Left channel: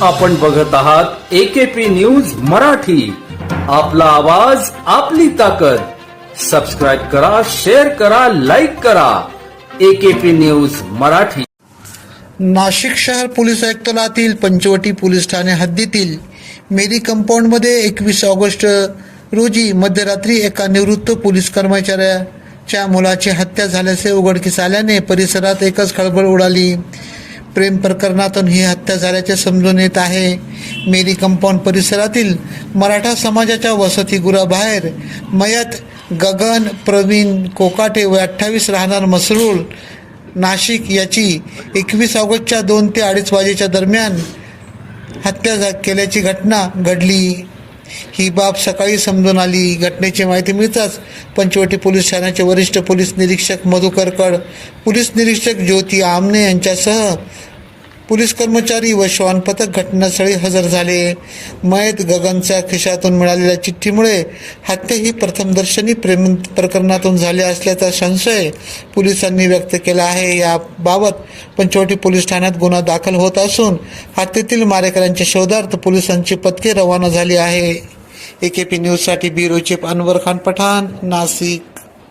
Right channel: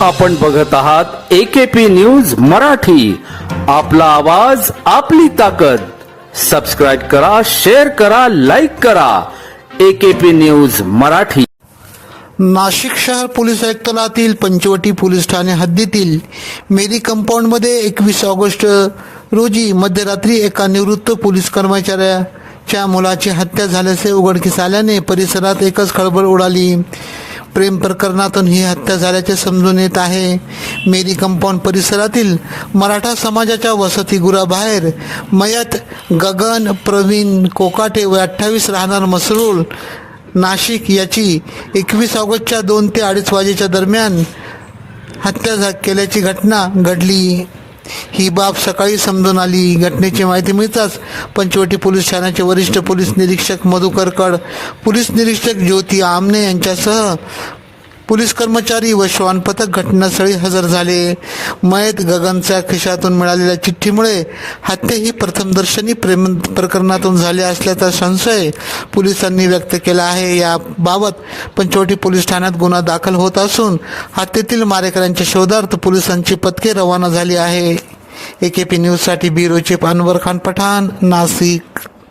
आपण बघत आहात एकेपी न्यूज मराठी. आपला आवाज आपली ताकद. सबस्क्राईब करा शेअर करा लाईक करा. AKP news Marathi. नाशिक शहर पोलीस आयुक्तालयातील पंचवटी पोलीस ठाणे हद्दीतील मेरी कंपाऊंडमध्ये एकवीस ऑगस्ट रोजी मध्यरात्री एका निवृत्त पोलीस कर्मचाऱ्याच्या मुलाची हत्या झाल्याचे उघडकीस आल्याने परिसरात एकच खळबळ उडाली. प्रेम प्रकरणातून ही हत्या झाल्याचे समजून येत आहे. मेरी कंपाऊंड परिसरातील मराठा समाजाच्या वसतिगृहाबाहेर मयत गगन प्रवीण कोकाटे व अठ्ठावीस राहणार मसरूळ नाशिक याची एकवीस ऑगस्टच्या दोन ते अडीच वाजेच्या दरम्यान हत्या झा- केल्याची घटना घडली. ही बाब सकाळी समजून आली. घटनेची माहिती मिळताच पंचवटी पोलीस ठाण्याचे वरिष्ठ पोलीस निरीक्षक मधुकर कड पोलीस निरीक्षक ज्योती आमने यांच्यासह पोलीस कर्मचारी व श्वान पथक घटनास्थळी हजर झाले. मयत गगनच्या खिशातून मिळालेल्या चिठ्ठीमुळे हत्या ही प्रथमदर्शनी प्रेम प्रकरणातून झाली असल्याचा संशय पोलिसांनी व्यक्त केला आहे. याबाबत पंचवटी पोलीस ठाण्यात गुन्हा दाखल होत असून हत्येतील मारेकऱ्यांच्या शोधार्थ पोलिसांची पथके रवाना झाली आहे. एकेपी न्यूजसाठी ब्युरो चीफ अनवर खान पठाण नाशिक.